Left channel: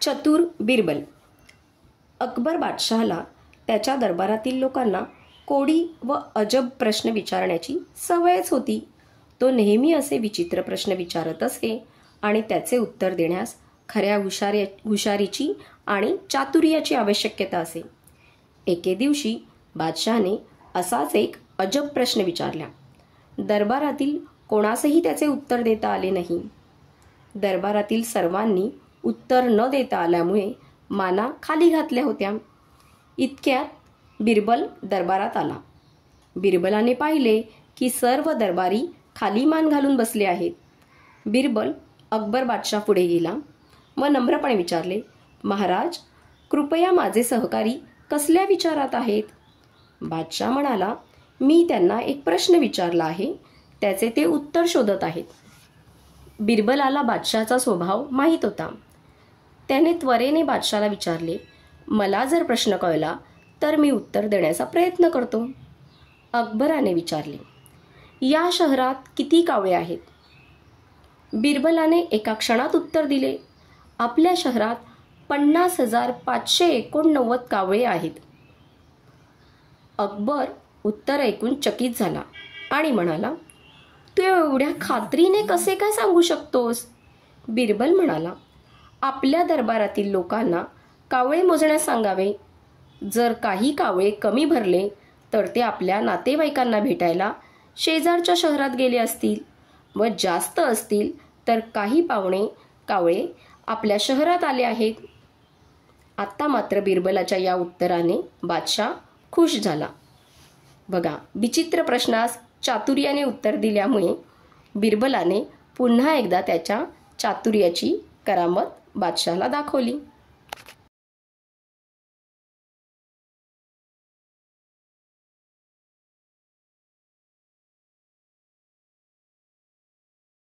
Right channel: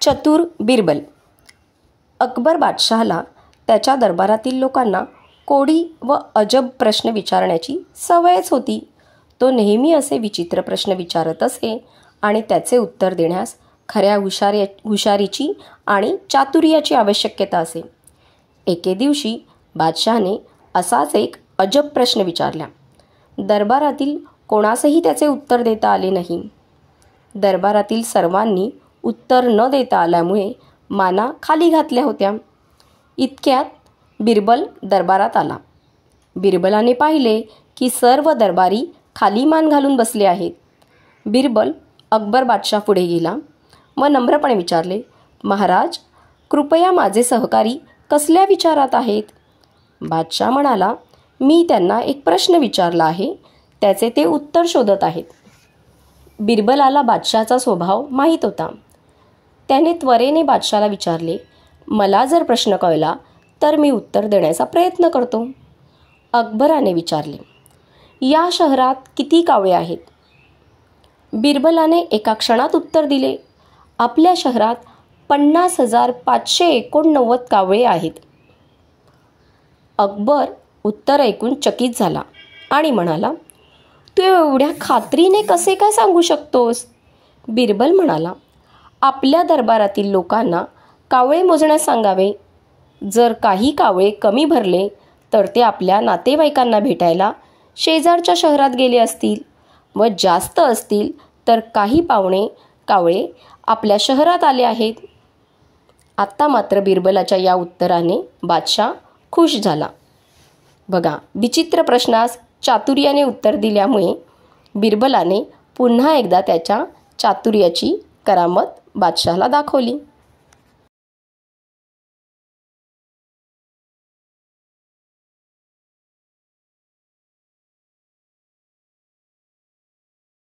चतुर बिरबल. अकबर बादशहाला त्याच्या दरबारातील लोकांना कोडी व अजब प्रश्न विचारण्याची सवयच होती. तो नेहमी असे विचित्र प्रश्न विचारत असे आणि त्याचे उत्तर देण्यास खऱ्या हुशारीची आणि चातुर्याची आवश्यकता असे. एके दिवशी बादशहाने असाच एक अजब प्रश्न विचारला. दरबारातील कोणासही त्याचे उत्तर देता आले नाही. दरबारातील सर्वांनी उत्तर न देता आल्यामुळे माना खाली घातल्या होत्या. इतक्यात बिरबल दरबारात आला. बिरबलाने पाहिले की सर्व दरबारी खाली मान घालून बसले आहेत. बिरबल अकबर बादशाह पुढे गेला व नम्रपणे विचारले, महाराज, कृपया माझे सहकारी कसल्या विचारात आहेत? बादशाह म्हणाला, मी त्यांना एक प्रश्न विचारला आहे, त्याचे ते उत्तर शोधत आहेत. बिरबलाला बादशाहचा स्वभाव माहीत होता. त्याने त्वरेने बादशाहला विचारले, मला जर प्रश्न कळला तर मी उत्तर देण्याचा प्रयत्न करतो. अकबराने विचारले, या शहरात किती कावळे आहेत? बिरबलाने एका क्षणात उत्तर दिले, आपल्या शहरात 50,589 कावळे आहेत. अकबर उत्तर ऐकून चकित झाला आणि म्हणाला, तू एवढ्या खात्रीने कसे काय सांगू शकतोस? बिरबल म्हणाला, आपल्या दरबारातील लोकांना कावळे मोजण्यास सांगावे. जर काही कावळे कमी भरले तर ते आपल्या नातेवाईकांना भेटायला शेजारच्या शहरात गेले असतील व जास्त असतील तर काही कावळे आपल्या शहरात आले आहेत. आत्ता मात्र बिरबलाच्या या उत्तराने बादशाह खुश झाला. बघा, विचित्र प्रश्नास चातुर्याने उत्तर दिल्यामुळे बिरबलाने पुन्हा एकदा त्याच्या चातुर्याची करामत बादशाहला दाखवली.